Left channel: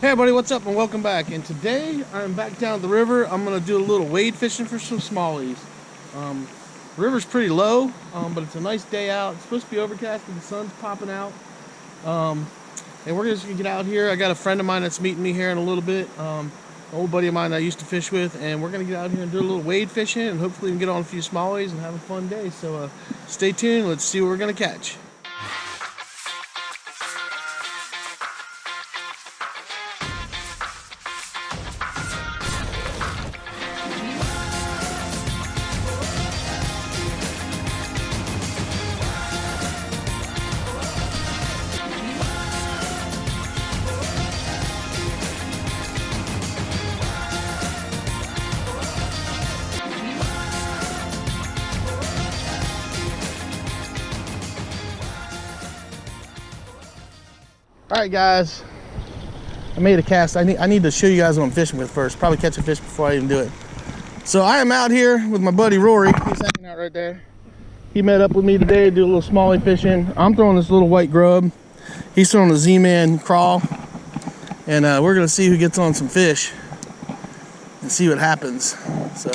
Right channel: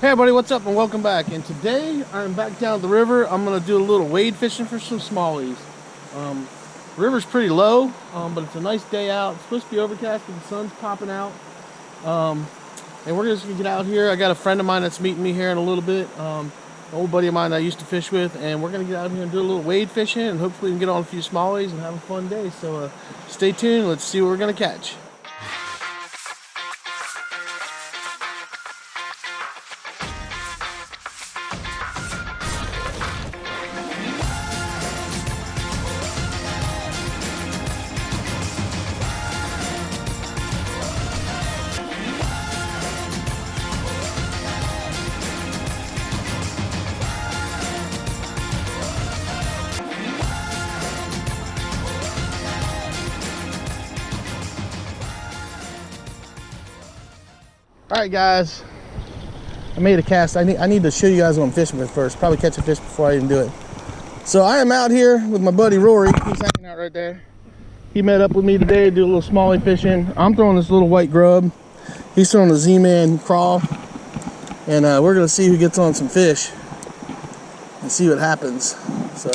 Hey everybody, what's up and welcome back. And today I'm back down at the river. I'm gonna do a little wade fishing for some smallies. The river's pretty low, but it's a nice day out. It's supposed to be overcast, but the sun's popping out. And we're just gonna get out here. I got a friend of mine that's meeting me here in a little bit. An old buddy of mine that I used to fish with, and we're gonna get out here and do a little wade fishing, and hopefully we can get on a few smallies and have a fun day. So stay tuned. Let's see what we're gonna catch. All right, guys, I made a cast. I need to show you guys what I'm fishing with first. Probably catch a fish before I even do it. So I am out here with my buddy Rory. He's hanging out right there. He met up with me today to do a little smallie fishing. I'm throwing this little white grub. He's throwing a Z-Man crawl. And we're gonna see who gets on some fish and see what happens. So,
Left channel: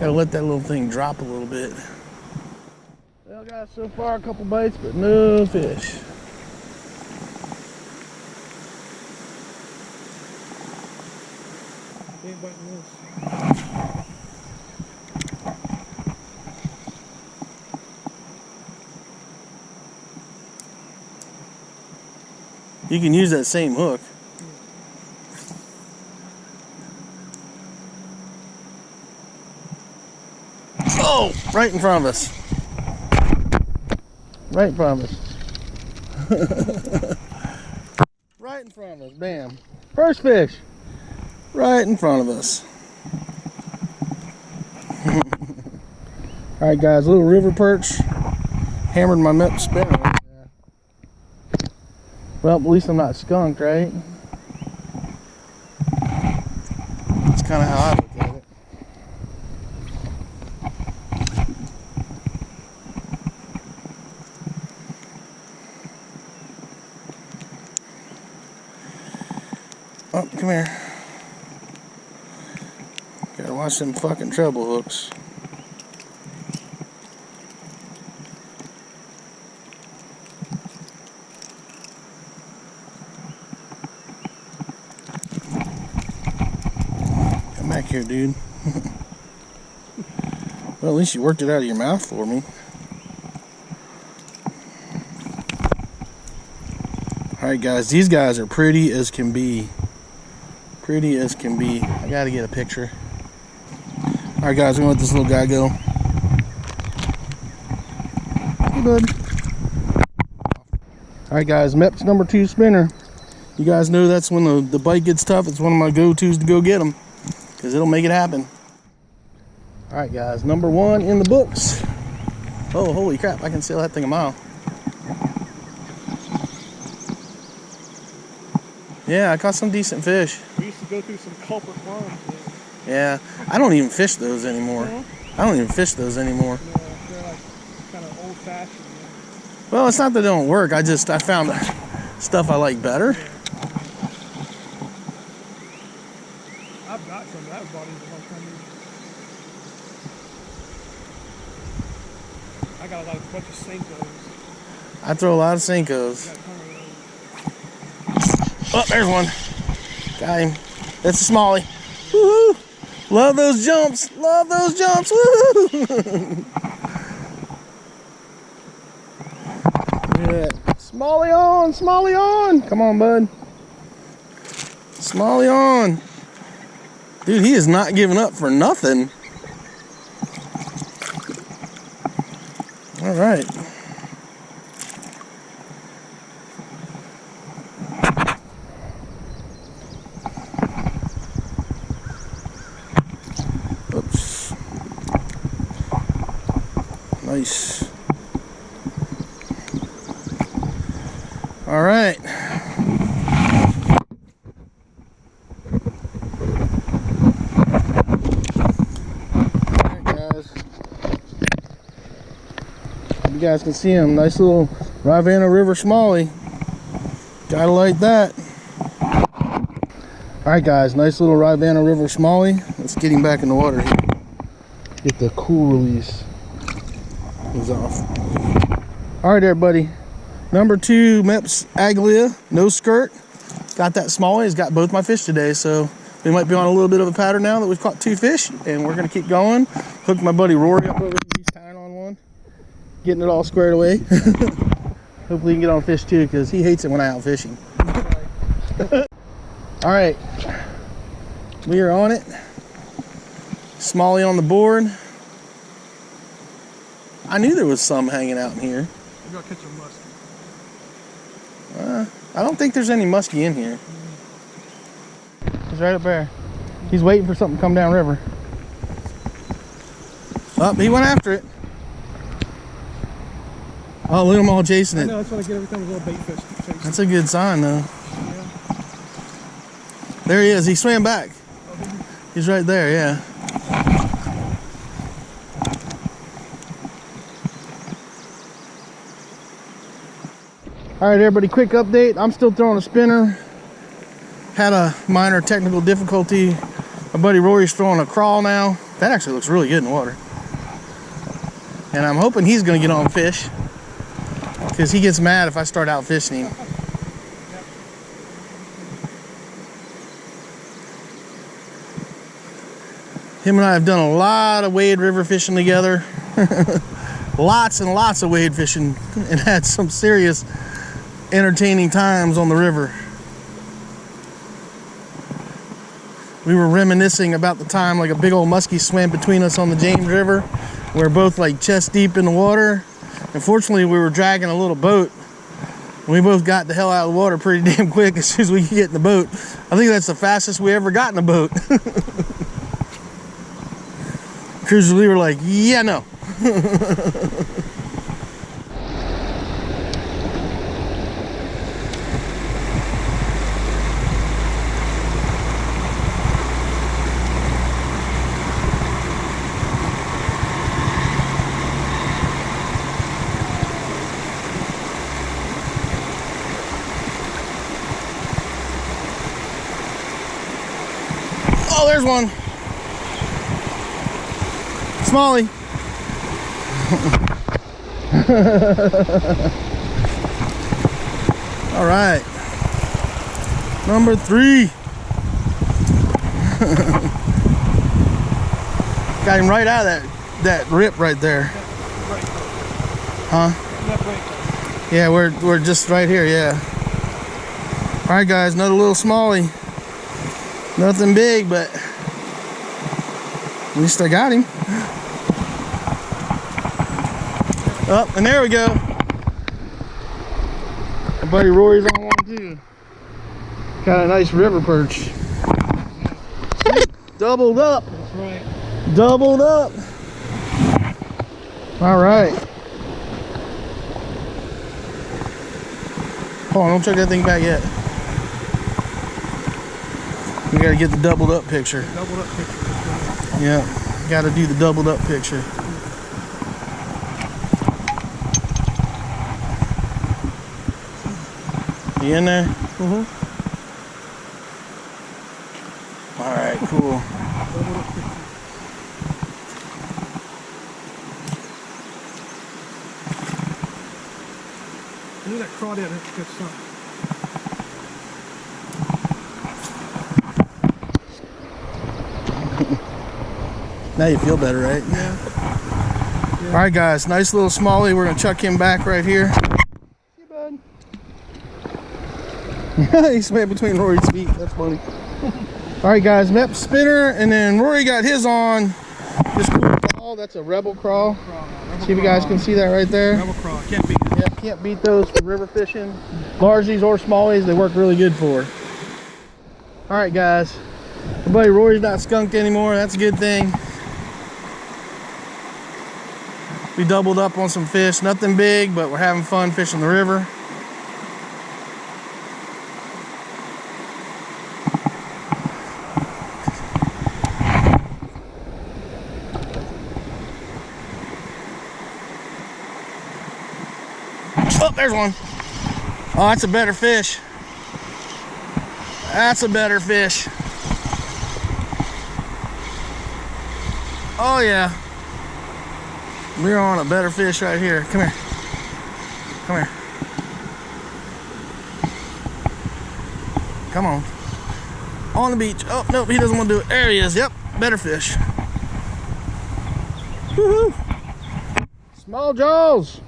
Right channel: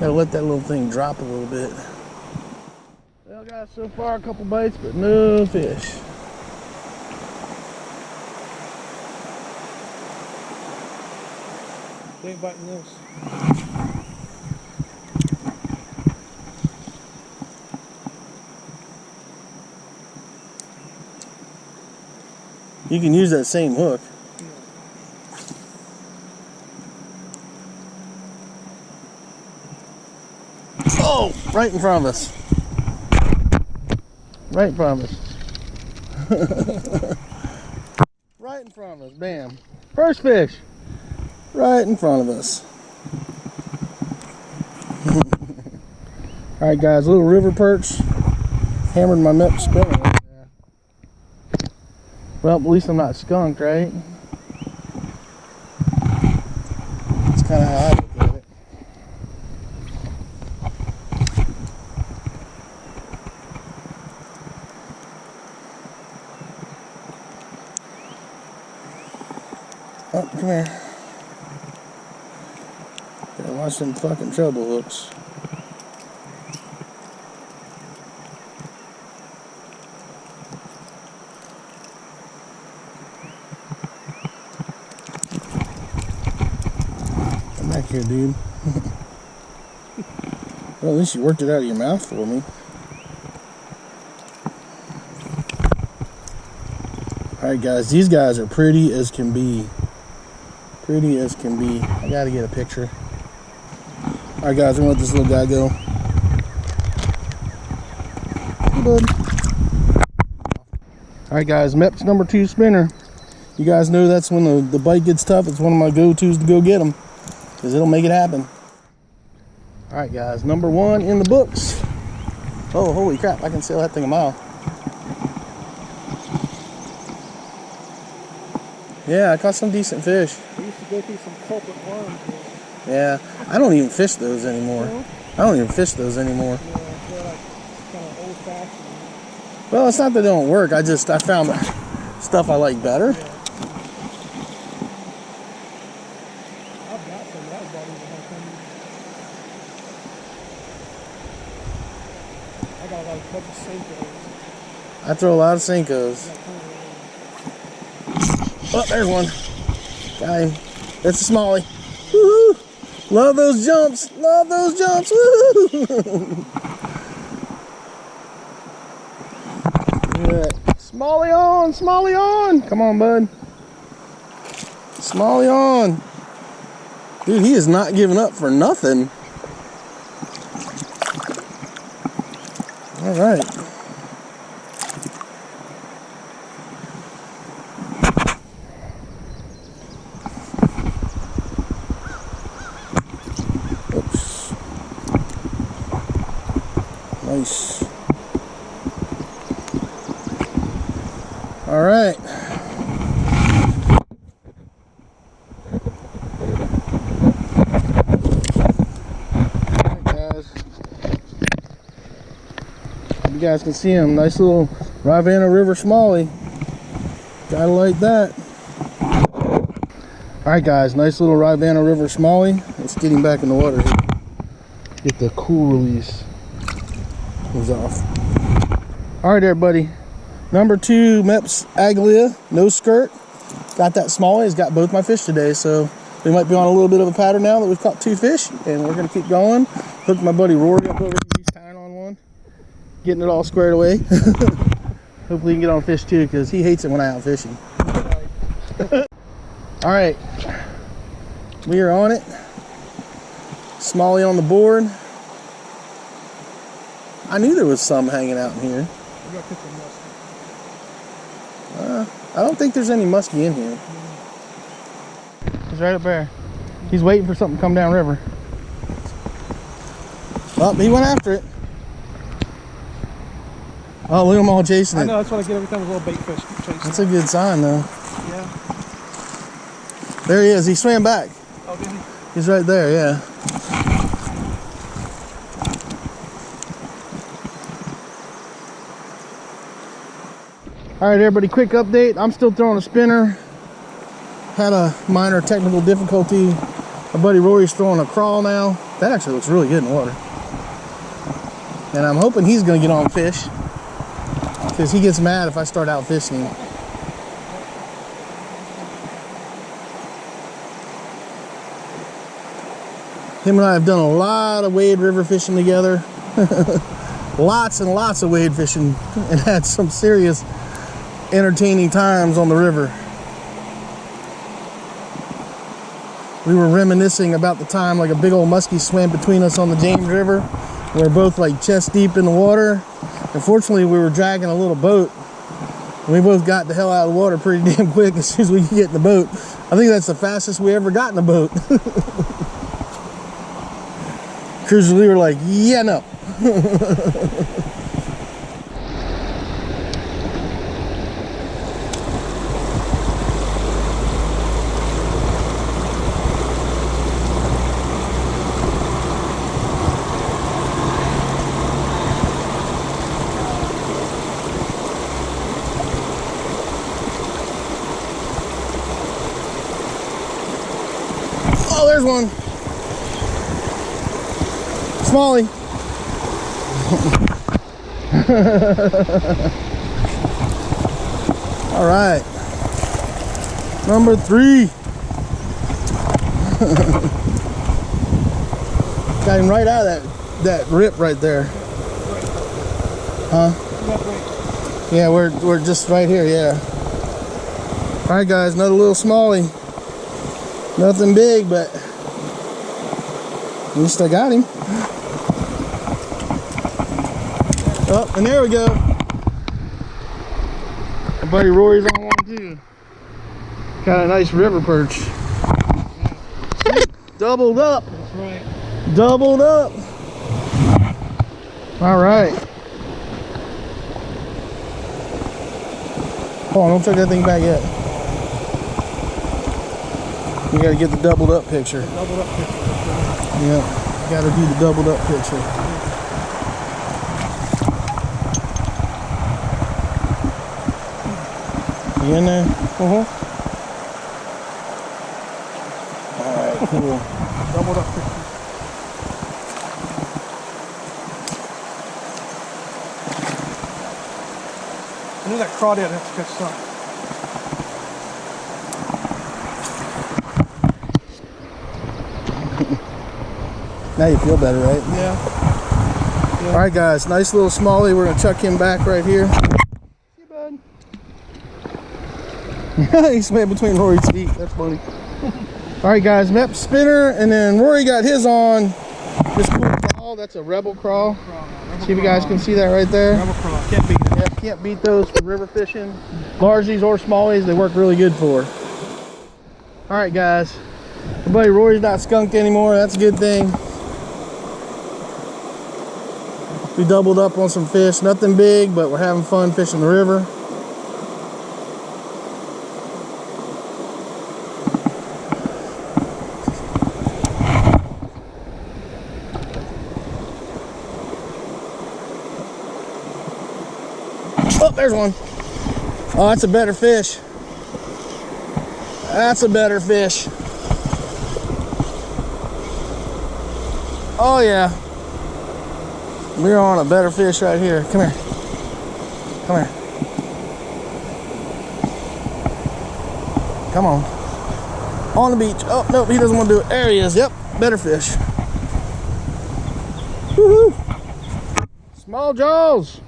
gotta let that little thing drop a little bit. Well, guys, so far a couple bites, but no fish. They ain't biting this. You can use that same hook. Yeah. Oh, right in front of us. Right in front of us. Right in front of us. Bam. First fish. Right in front of us. Alright, guys. A little river perch. Hammered my Mep spinner right there. Well, at least I'm not skunked, right? That's kind of how I look at it. Oh, come here. Gotta watch them fucking treble hooks. Come back here, dude. Well, at least you worked it out of your mouth for me. Alright, guys, these guys are pretty as can be. Pretty as can be. I gotta get a picture. Alright, guys, I'm gonna let this little guy go. Hey, bud. Alright, guys, Mep's number 2 spinner. You guys know that's when the bite gets tough. It's one of my go-tos to go get them, because it'll make it happen. Alright, guys, number 1 in the books. Oh, holy crap, I can sail that thing a mile. Yeah, I caught some decent fish. We used to go through some culprit worms. Yeah, I don't even fish those anymore. No? I don't even fish those anymore. Yeah, they're like kind of old-fashioned. Well, it's not that they don't work. I found stuff I like better. Yeah. I've got some. That was bought in the whole time. I got like a bunch of Senkos. I throw a lot of Senkos. Oh, there's one. Got him. That's a smallie. Woohoo! Love those jumps. Love those jumps. Woohoo! Look at that. Smallie on. Smallie on. Come on, bud. Smallie on. Dude, he is not giving up for nothing. All right. Oops. Nice. All right. You guys can see him. Nice little Rivanna River smallie. Gotta like that. All right, guys, nice little Rivanna River smallie. Let's get him back in the water here. Get the cool release. He's off. All right, everybody. Number 2 Meps Aglia, no skirt. Got that smallie. He's got both my fish today, so we might be on a little bit of a pattern now that we've caught 2 fish, and we're gonna keep going. Hooked my buddy Rory up over here. He's tying on one, getting it all squared away. Hopefully he can get on fish too, because he hates it when I out fish him. All right, we are on it. Smallie on the board. I knew there was some hanging out in here. We gotta catch a muskie. I don't think there's any muskie in here. He's right up there. He's waiting for something to come down river. Oh, he went after it. Oh, look at them all chasing it. I know, that's what I get every time a little bait fish keep chasing. That's a good sign, though. Yeah. There he is. He swam back. Oh, did he? He's right there, yeah. All right, everybody, quick update. I'm still throwing a spinner. Had a minor technical difficulty. My buddy Rory's throwing a crawl now. That actually looks really good in the water. And I'm hoping he's gonna get on fish, because he gets mad if I start out fishing him. Him and I have done a lot of wade river fishing together. Lots and lots of wade fishing, and had some serious entertaining times on the river. We were reminiscing about the time like a big old muskie swam between us on the James River. We're both like chest deep in the water. Unfortunately, we were dragging a little boat. And we both got the hell out of the water pretty damn quick as soon as we could get in the boat. I think that's the fastest we ever got in a boat. Cruiser Lee were like, yeah, no. Oh, there's one. Smallie. All right. Number 3. Got him right out of that rip right there. Huh? Yeah, we're just right here, yeah. All right, guys, another little smallie. Nothing big, but at least I got him. Oh, and there we go. My buddy Rory's on one too. Got a nice river perch. Doubled up. That's right. Doubled up. All right. Hold on, don't check that thing back yet. We gotta get the doubled up picture. Doubled up picture. That's right. Yeah, gotta do the doubled up picture. You in there? All right, cool. Doubled up picture. I knew that crawdad have to catch something. Now you feel better, right? Yeah. All right, guys, nice little smallie. We're gonna chuck him back right here. See you, bud. He swam between Rory's feet. That's funny. All right, guys, Mep spinner, and then Rory got his on this cool crawl. That's a rebel crawl. See if you guys can see that right there. Rebel crawl. Can't beat it. Yeah, can't beat those for river fishing. Largies or smallies, they work really good for. All right, guys. My buddy Rory's not skunked anymore. That's a good thing. We doubled up on some fish. Nothing big, but we're having fun fishing the river. Oh, there's one. Oh, that's a better fish. That's a better fish. Oh yeah. We're on a better fish right here. Come here. Come here. Come on. On the beach. Oh, nope, he doesn't want to do it. There he is. Yep, better fish. Woohoo! Small jaws.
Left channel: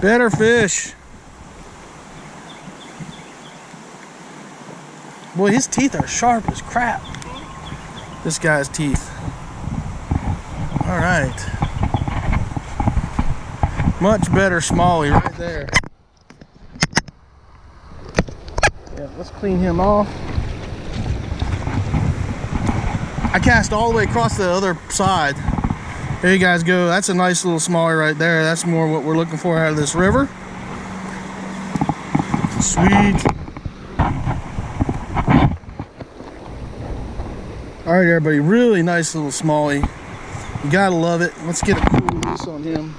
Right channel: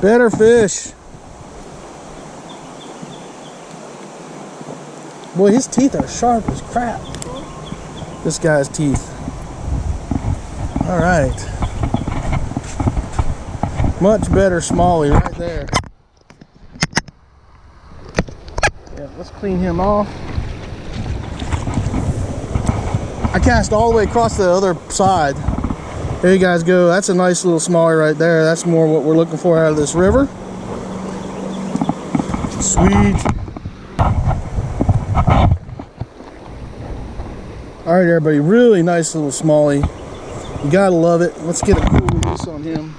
Better fish. Boy, his teeth are sharp as crap. This guy's teeth. All right. Much better smallie right there. Yeah, let's clean him off. I cast all the way across the other side. There you guys go. That's a nice little smallie right there. That's more what we're looking for out of this river. Sweet. All right, everybody, really nice little smallie. You gotta love it. Let's get a cool release on him.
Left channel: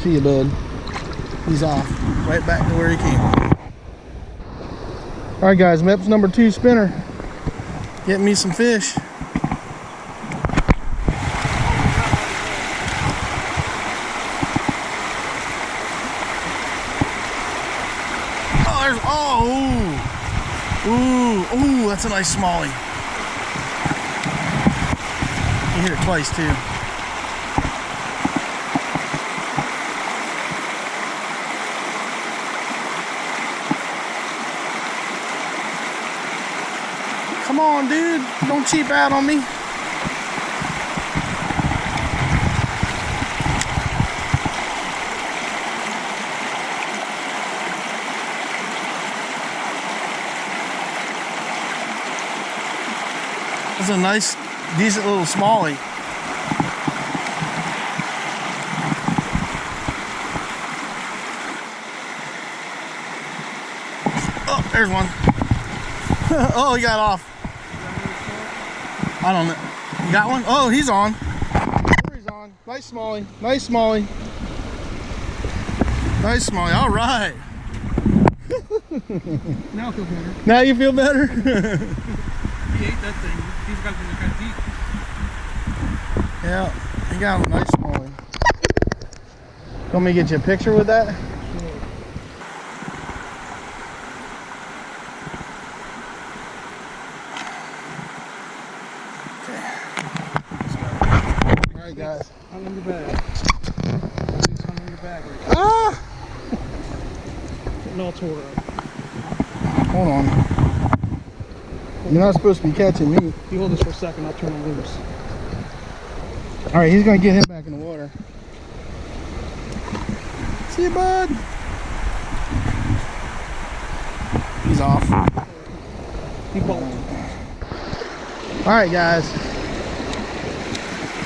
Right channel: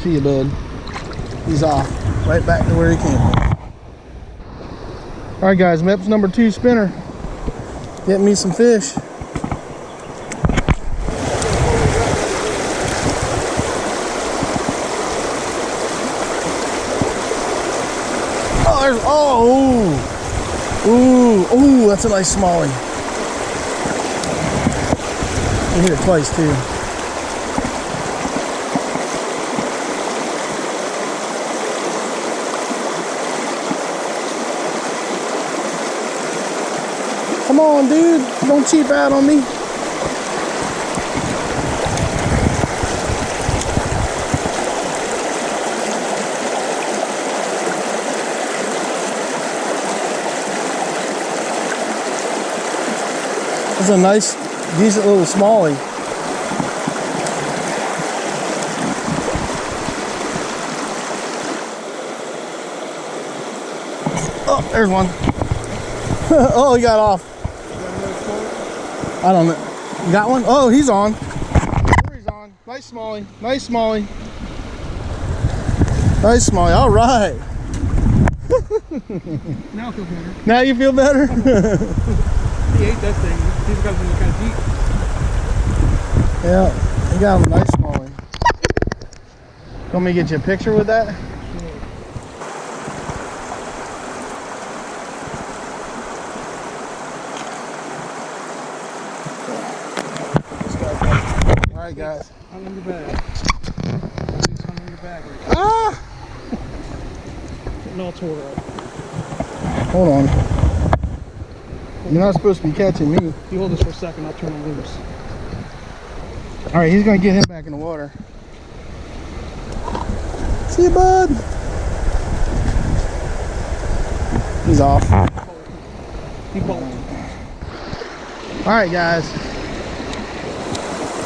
See you, bud. He's off, right back to where he came from. All right, guys, MEPS number 2 spinner. Getting me some fish. Oh, there's, oh, ooh, ooh, that's a nice smallie. You hit it twice too. Come on, dude, don't cheap out on me. That's a nice, decent little smallie. Oh, there's one. Oh, he got off. I don't know. You got one? Oh, he's on. There he's on. Nice smallie. Nice smallie. Nice smallie. All right. Now I feel better. Now you feel better? He ate that thing. He's got to be kind of deep. Yeah, he got him a nice smallie. Want me to get you a picture with that? All right, guys. I'm in the bag. I'm in the bag right now. Ah! Getting all tore up. Hold on. You're not supposed to be catching me. You hold this for a second, I'll turn him loose. All right, he's gonna get him back in the water. See you, bud. He's off. He called. All right, guys.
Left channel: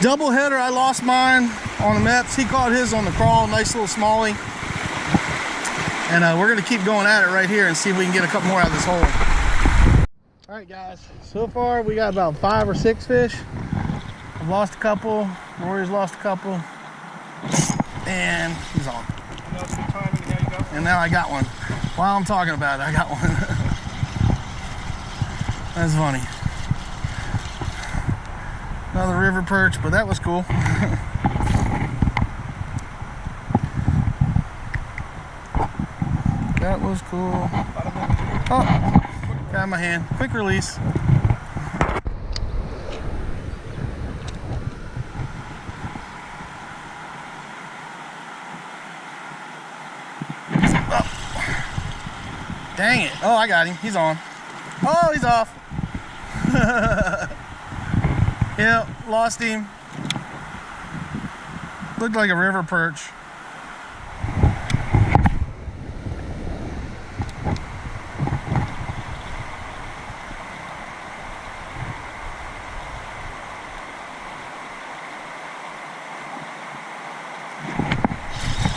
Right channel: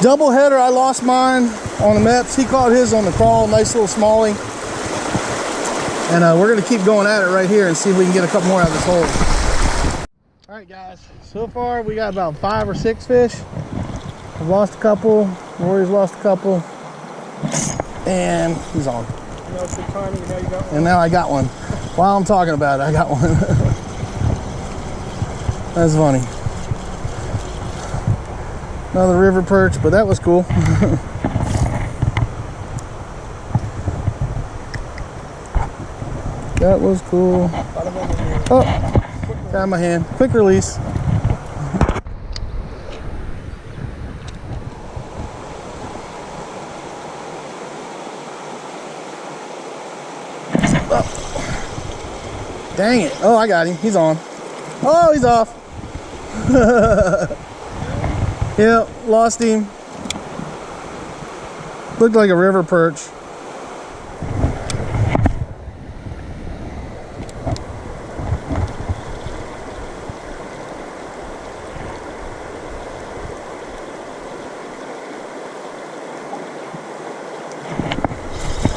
Double header. I lost mine on the MEPS. He caught his on the crawl. Nice little smallie. And we're gonna keep going at it right here and see if we can get a couple more out of this hole. All right, guys. So far, we got about 5 or 6 fish. I've lost a couple. Rory's lost a couple. And he's on. Now it's good timing, and now you got one. And now I got one. While I'm talking about it, I got one. That's funny. Another river perch, but that was cool. That was cool. Oh, got my hand. Quick release. Oh. Dang it. Oh, I got him. He's on. Oh, he's off. Yeah, lost him. Looked like a river perch.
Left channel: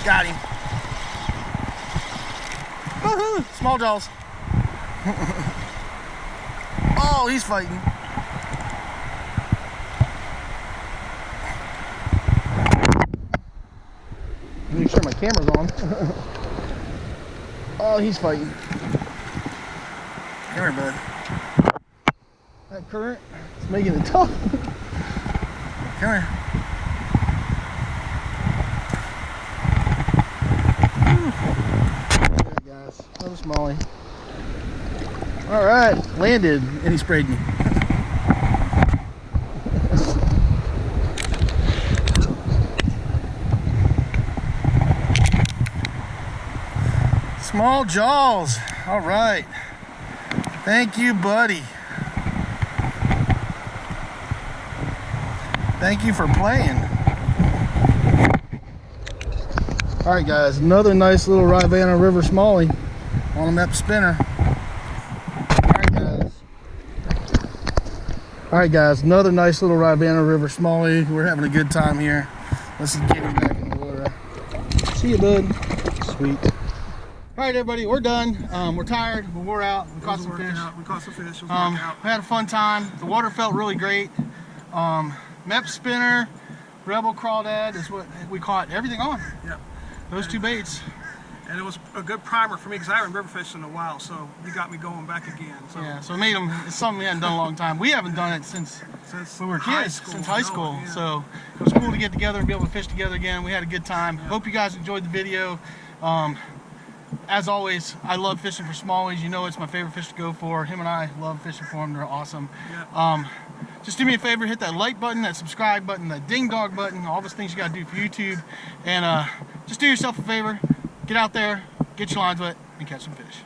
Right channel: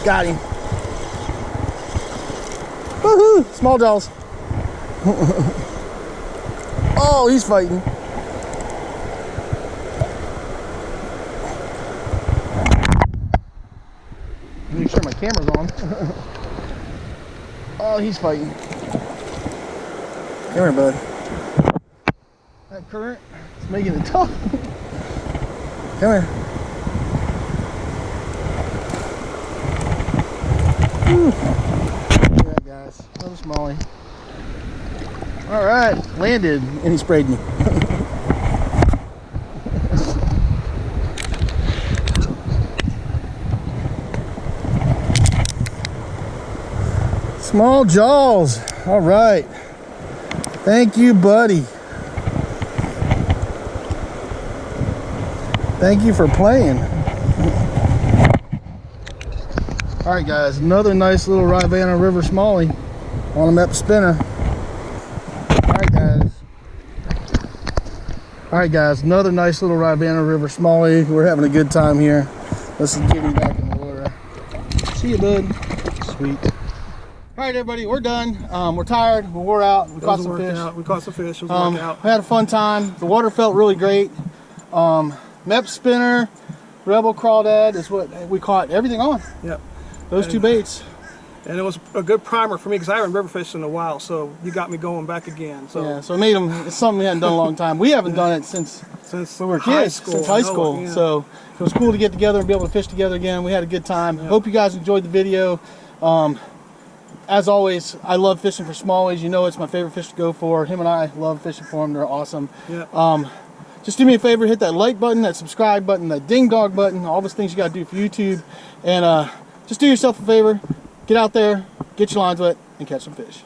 Got him. Woohoo! Small jaws. Oh, he's fighting. Make sure my camera's on. Oh, he's fighting. Come here, bud. That current is making it tough. Come here. Whew. Look at that, guys. Another smallie. All right, landed, and he sprayed me. Small jaws. All right. Thank you, buddy. Thank you for playing. All right, guys. Another nice little Rivanna River smallie on a MEP spinner. All right, guys. Another nice little Rivanna River smallie. We're having a good time here. Let's get him back in the water. See you, bud. Sweet. All right, everybody, we're done. We're tired. We wore out. We caught some fish. We caught some fish. It was a workout. We had a fun time. The water felt really great. MEP spinner, Rebel crawdad is what we caught everything on. Yep. Those two baits. And it was a good primer for me because I haven't river fished in a while, so you got me going back again. So yeah, so it made them. It's something we hadn't done in a long time. We haven't done it since we were kids, since high school. Yeah. So it was cool to get together and be able to fish together again. We had a good time. Yep. Hope you guys enjoyed the video. As always, I love fishing for smallies. You know it's my favorite fish to go for. Him and I love fishing for them. They're awesome. Yeah. Just do me a favor, hit that like button, that subscribe button, that ding dong button, all those things you got to do for YouTube. And just do yourself a favor, get out there, get your lines wet, and catch some fish.